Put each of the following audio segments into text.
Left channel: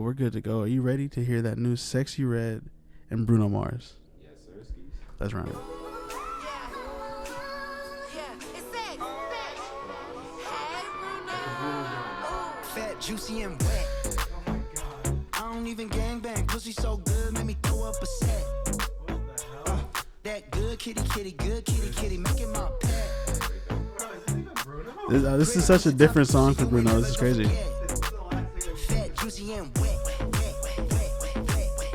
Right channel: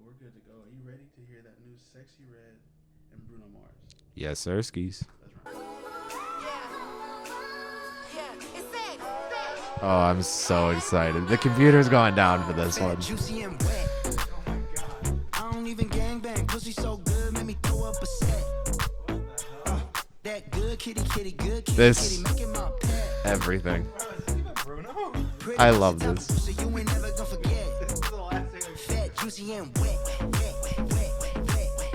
but we're good to go. Are you ready to hear that new Sexy Red and Bruno Mars? Yes, sir, skis. That's right. Oh, I'm so excited. The computer's going down for this one. Juicy and wet. I don't even gangbang. Pussy so good, make me throw up a set. That good kitty, good kitty, making my pet. Everything. This is such a different song for Bruno. This is crazy. Fat, juicy and wet.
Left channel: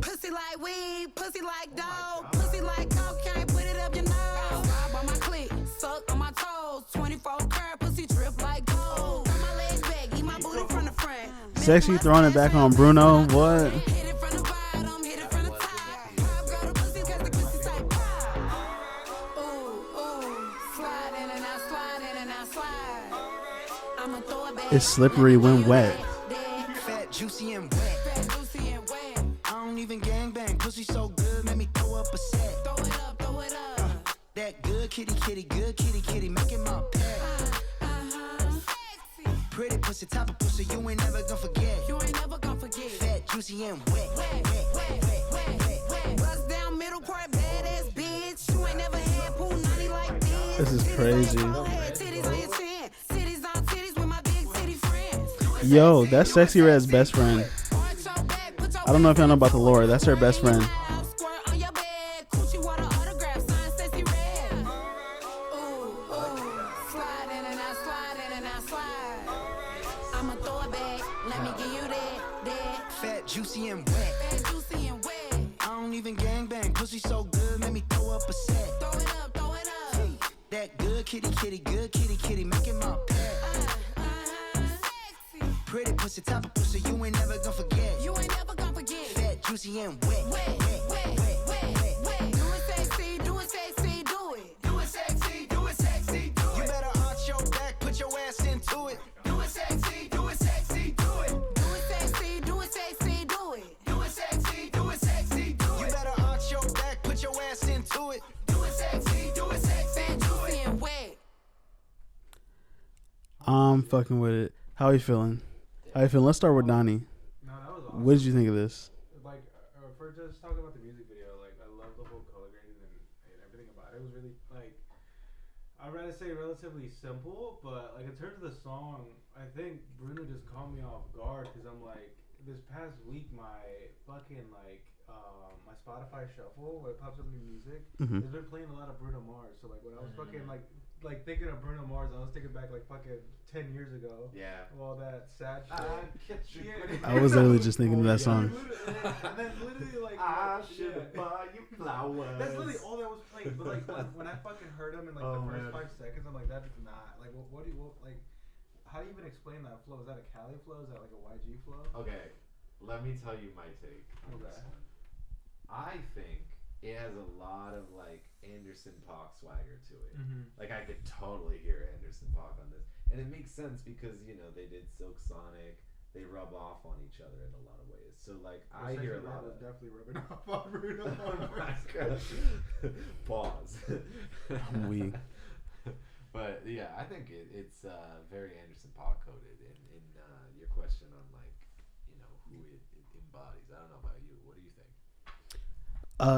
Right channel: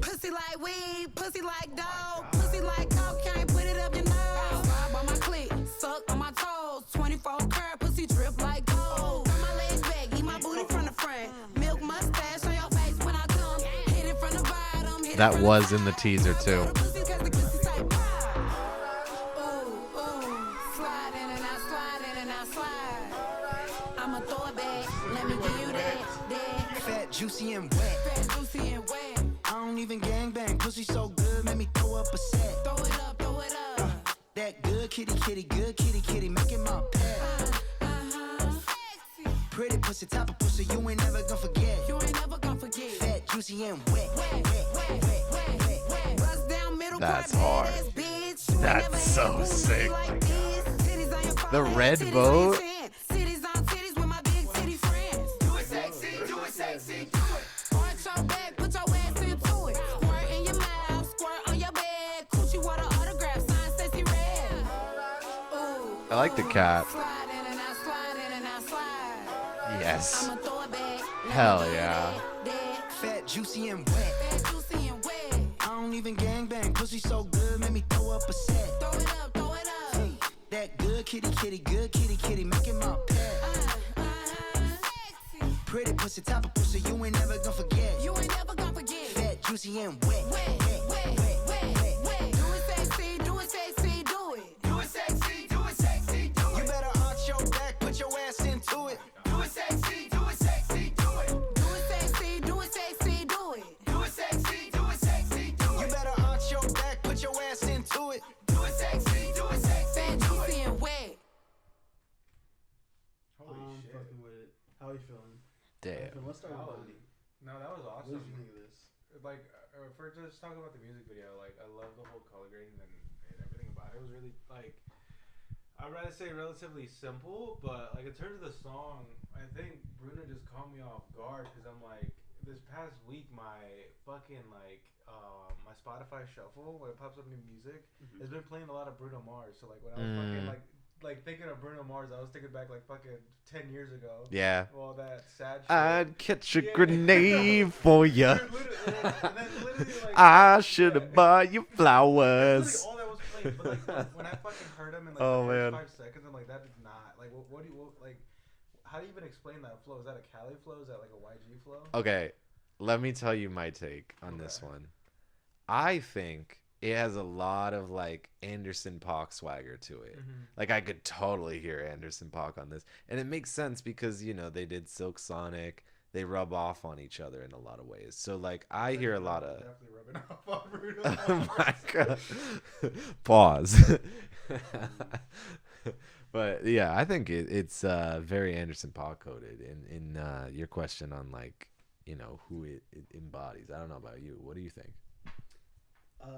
Pussy like weed, pussy like dog, pussy like cocaine, put it up your nose. Ride by my clit, suck on my toes, 24 karat pussy drip like gold. Turn my legs back, eat my booty from the front. Sexy throwing it back on Bruno. What? That was in the teaser too. It's slippery when wet. Fat, juicy and wet. I don't even gangbang. Pussy so good, make me throw up a set. Throw it up. That good kitty, good kitty, making my pet. Pretty pussy, top of pussy, you ain't never gonna forget. Fat, juicy and wet. Bust down middle part, badass bitch. You ain't never had a booty like this. This is crazy. The red boat. Cities on titties with my big city friends. Yo, that's Sexy Red's best friend. I don't know if y'all know about the lore. That's her best friend. I like the cat. Yes. Hell yeah. Fat, juicy and wet. I don't even gangbang. Pussy so good, make me throw up a set. Throw it up. That good kitty, good kitty, making my pet. Pretty pussy, top of pussy, you ain't never gonna forget. Fat, juicy and wet. Do it sexy, do it. You better arch your back, put your ass into it. Do it sexy, do it. You better arch your back, put your ass into it. Do it sexy. Fat, juicy and wet. I'm fucking with it. How you feeling? How you feeling? Let's start with Doni. No, that was awesome. What did you think of this? Like, for just talking about the music video, like, I love the whole color grading and everything about it. It was really, like, I'd rather say relatively simple, but, like, in terms of the song, I think Bruno just caught me off guard, because I'm, like, this past week, my fucking, like, my Spotify shuffle, where it pops up new music, has been playing a lot of Bruno Mars. So, like, when I was fucking, like thinking of Bruno Mars, I was thinking back, like, fucking 10 years ago. Yeah. All that sad shit. I'd catch a I was grenade just for thinking ya. that Like, I should have bought you that's flowers. literally all that was playing. But like when I fucking heard him in like Oh, the man. first 5 seconds, I'm like, that is not like what do you like? How do you even explain that flow? Is that a Cali flow? Is that like a YG flow? Okay, let me tell you my take on this one. I think it has a lot of like Anderson .Paak swagger to it. Like I could totally hear Anderson .Paak on this, and it makes sense because you know they did Silk Sonic. They rub off on each other in a lot of ways. So like I hear a lot of. Definitely rubbing off on Bruno. Oh my god! Pause. But yeah, I think it's very Anderson .Paak coded. In your question on like you know who it embodies. I don't know about you. What do you think?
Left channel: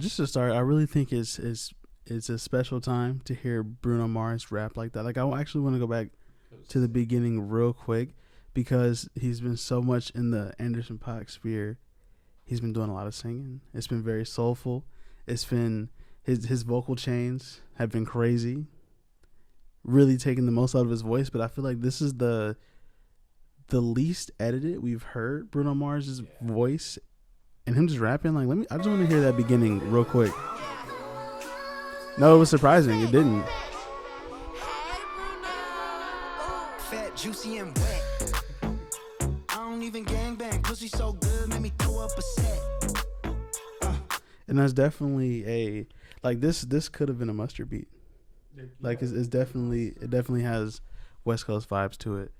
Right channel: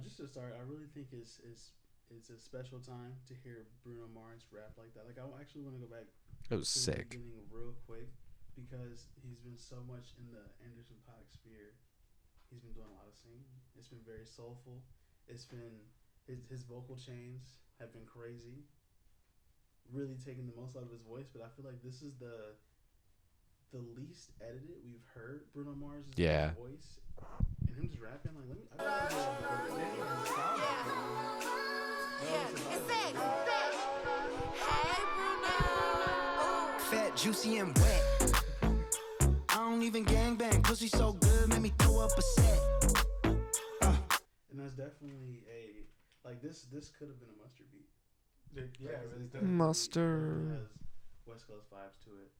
Just to start, I really think it's a special time to hear Bruno Mars rap like that. Like I actually want to go back to the beginning real quick because he's been so much in the Anderson .Paak sphere. He's been doing a lot of singing. It's been very soulful. It's been his vocal chains have been crazy. Really taking the most out of his voice, but I feel like this is the least edited we've heard Bruno Mars' voice. And him just rapping, like, I just want to hear that beginning real quick. No, it was surprising. It didn't. Fat, juicy, and wet. I don't even gangbang. Pussy so good, make me throw up a set. And that's definitely this could have been a Mustard beat. Like, it's definitely, it definitely has West Coast vibes to it.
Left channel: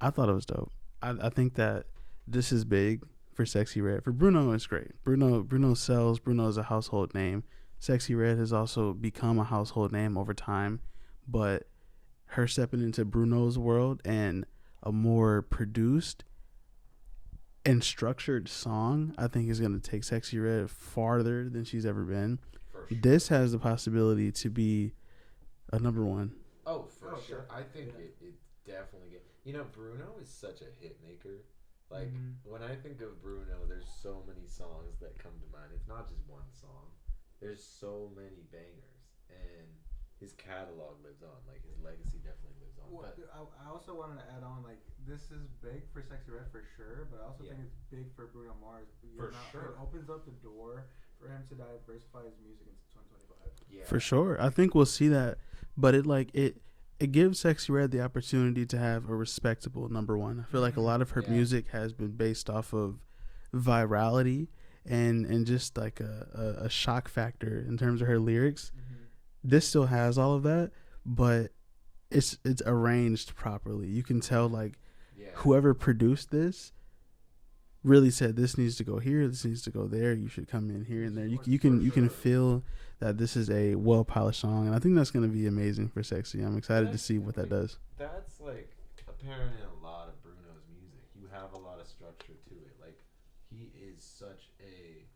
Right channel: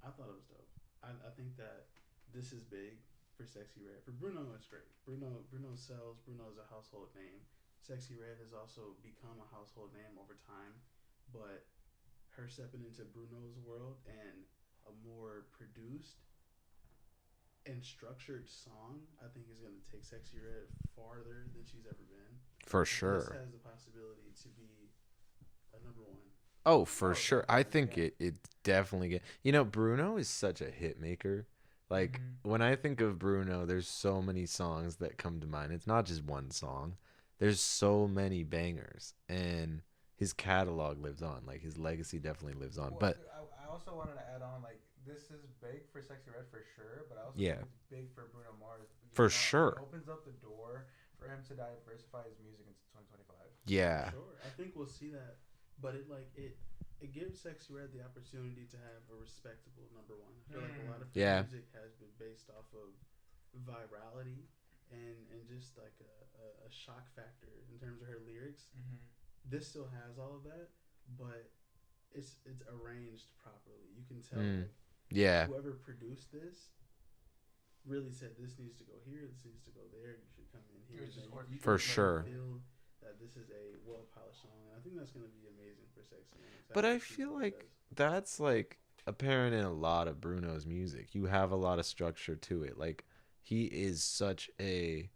I thought it was dope. I think that this is big. For Sexy Red. For Bruno, it's great. Bruno sells. Bruno is a household name. Sexy Red has also become a household name over time. But her stepping into Bruno's world and a more produced, and structured song, I think is going to take Sexyy Red farther than she's ever been. For sure. This has the possibility to be a number one. Oh, for sure. I think it definitely get. You know, Bruno is such a hit maker. Like when I think of Bruno, there's so many songs that come to mind. It's not just one song. There's so many bangers, and his catalog lives on. Like his legacy definitely lives on. But I also wanted to add on, like, this is big for Sexyy Red for sure, but I also think it's big for Bruno Mars. For sure. It opens up the door for him to diversify his music into 2025. Yeah, for sure. I think we'll see that, but it gives Sexyy Red the opportunity to have a respectable number one. I feel like a lot of her music has been based off of virality and just like a shock factor in terms of her lyrics. This still has all of that, but it's arranged properly. You can tell whoever produced this really said this needs to go here, this needs to go there, you should come in here and there. You can feel that this is a well polished song, and I think that's going to be amazing for Sexyy. I'm excited to see what that does. That's like apparent in a lot of Bruno's music. You have a lot of structure to it. Like he is such a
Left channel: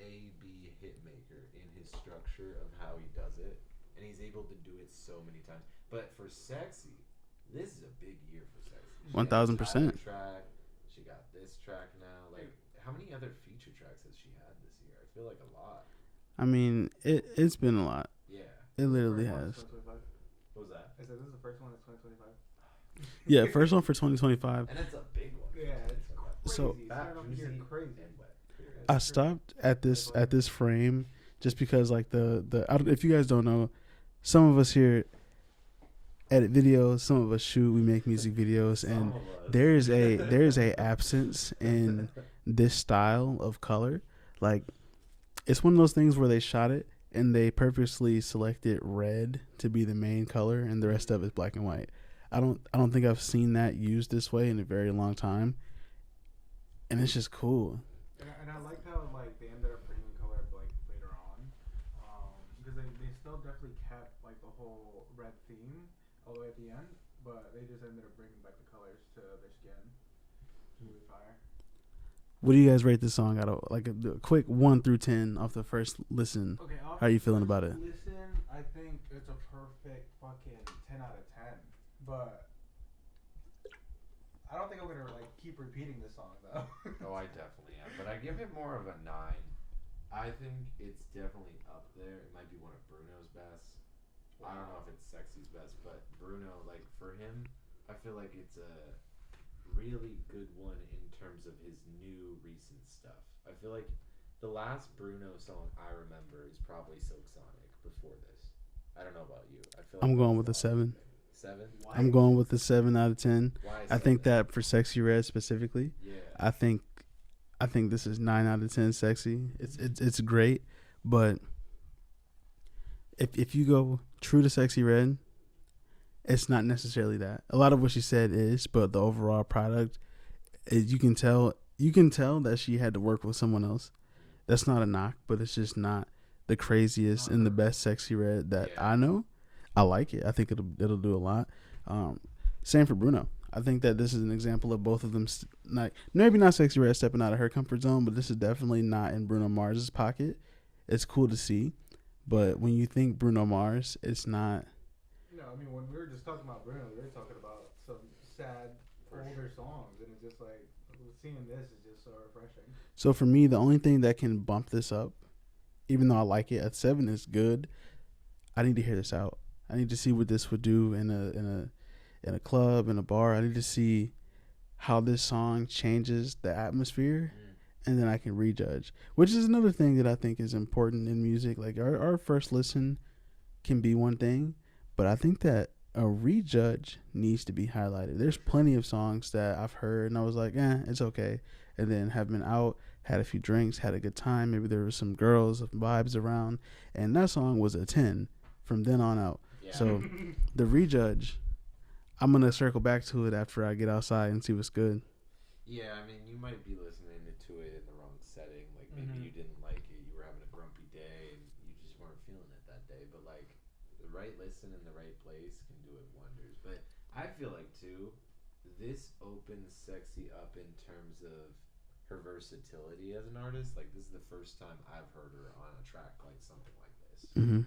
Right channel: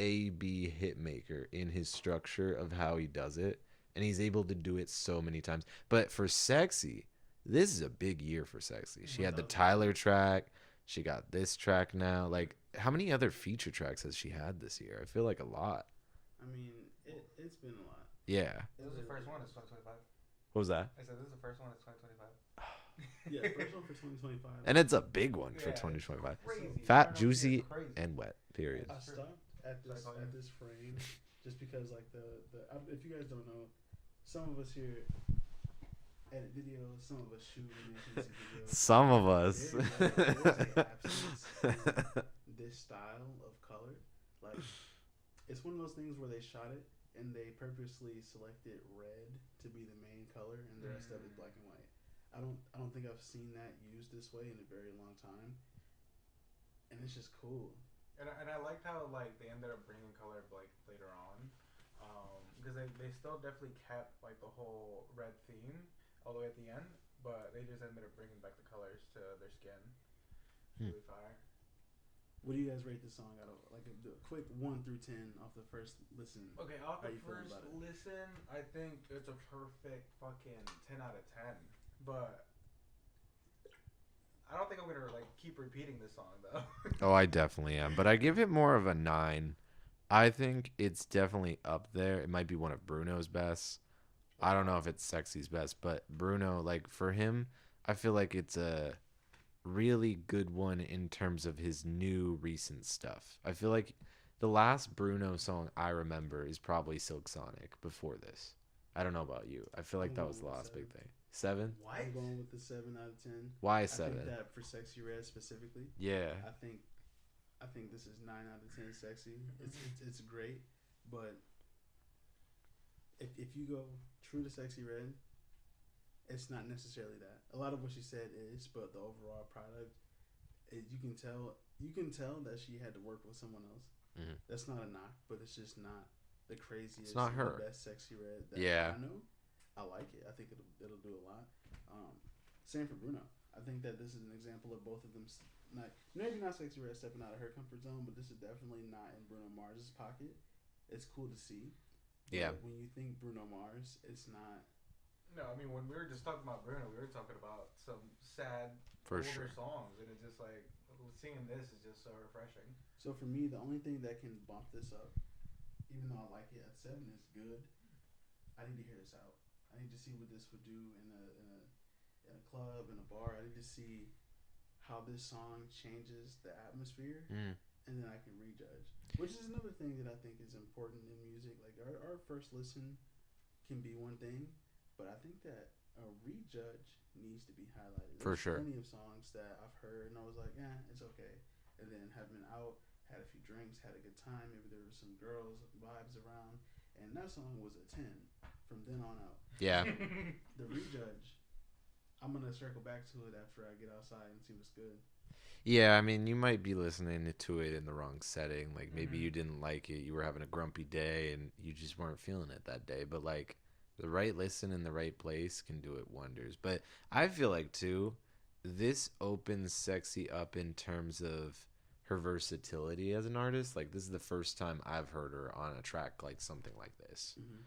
A-B hit maker in his structure of how he does it, and he's able to do it so many times. But for Sexyy, this is a big year for Sexyy. She 1000%. had the Tyler track. She got this track now. Like, how many other feature tracks has she had this year? I feel like a lot. I mean, it's been a lot. Yeah. It literally has. What was that? I said this is the first one of 2025. Yeah, first one for 2025. And it's a big one for 2025. So fat, juicy, and wet. Period. I stopped at this frame just because, like, if you guys don't know, some of us here edit videos, some of us shoot, we make music videos. Some of us. There's a absence in this style of color. Like, it's one of those things where they shot it and they purposely selected red to be the main color, and the rest of it is black and white. I don't think I've seen that used this way in a very long time, and it's just cool. And I like how, like, they ended up bringing color, like, later on, because they still definitely kept, like, the whole red theme all the way at the end, but they just ended up bringing back the colors to their skin. Really fire. What do you guys rate this song out of, like, a quick 1 through 10 off the first listen? Okay, how are you feeling about it? Listen, I think it's a perfect fucking 10 out of 10, but I don't think I'm gonna, like, keep repeating this song though. Oh, I definitely am, but I give it more of a 9. I think it's definitely up there. It might be one of Bruno's best. I don't know if it's Sexy's best, but Bruno, like, for him, I feel like it's a really good one in terms of his new recent stuff. I feel like the last Bruno song I remember is probably Silk Sonic before this. I don't know about you. I feel like I'm going with a 7. 7? I'm going with the 7 out of 10. Why 7? I think that for Sexyy Red specifically. Yeah. I think this is 9 out of 10 Sexyy. It's great, but if you go true to Sexyy Red, it's not necessarily that. A lot of what she said is, but the overall product is, you can tell that she had to work with someone else. That's not a knock, but it's just not the craziest and the best Sexyy Red that I know. I like it. I think it'll do a lot. Same for Bruno. I think that this is an example of both of them, maybe not Sexyy Red stepping out of her comfort zone, but this is definitely not in Bruno Mars's pocket. It's cool to see, but when you think Bruno Mars, it's not. No, I mean, when we were just talking about Bruno, we were talking about some sad older songs, and it's just like seeing this is just so refreshing. So for me, the only thing that can bump this up, even though I like it at 7, is good. I need to hear this out. I need to see what this would do in a club, in a bar. I need to see how this song changes the atmosphere, and then I can rejudge. Which is another thing that I think is important in music. Like our first listen can be one thing, but I think that a rejudge needs to be highlighted. There's plenty of songs that I've heard and I was like, it's okay. And then have been out, had a few drinks, had a good time. Maybe there was some girls, vibes around, and that song was a 10 from then on out. Yeah. So the rejudge, I'm going to circle back to it after I get outside and see what's good. Yeah, I mean, you might be listening to it in the wrong setting. Like, maybe you didn't like it. You were having a grumpy day and you just weren't feeling it that day. But, like, the right listen in the right place can do it wonders. But I feel like, too, this opens Sexyy up in terms of her versatility as an artist. Like, this is the first time I've heard her on a track like something like this. Mm-hmm.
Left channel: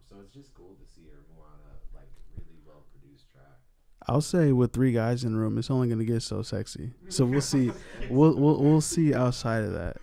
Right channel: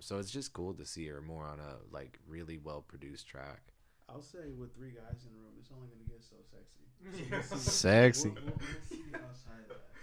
So it's just cool to see her more on a like really well produced track. I'll say with 3 guys in the room, it's only gonna get so sexy. So we'll see. Sexy. We'll see outside of that.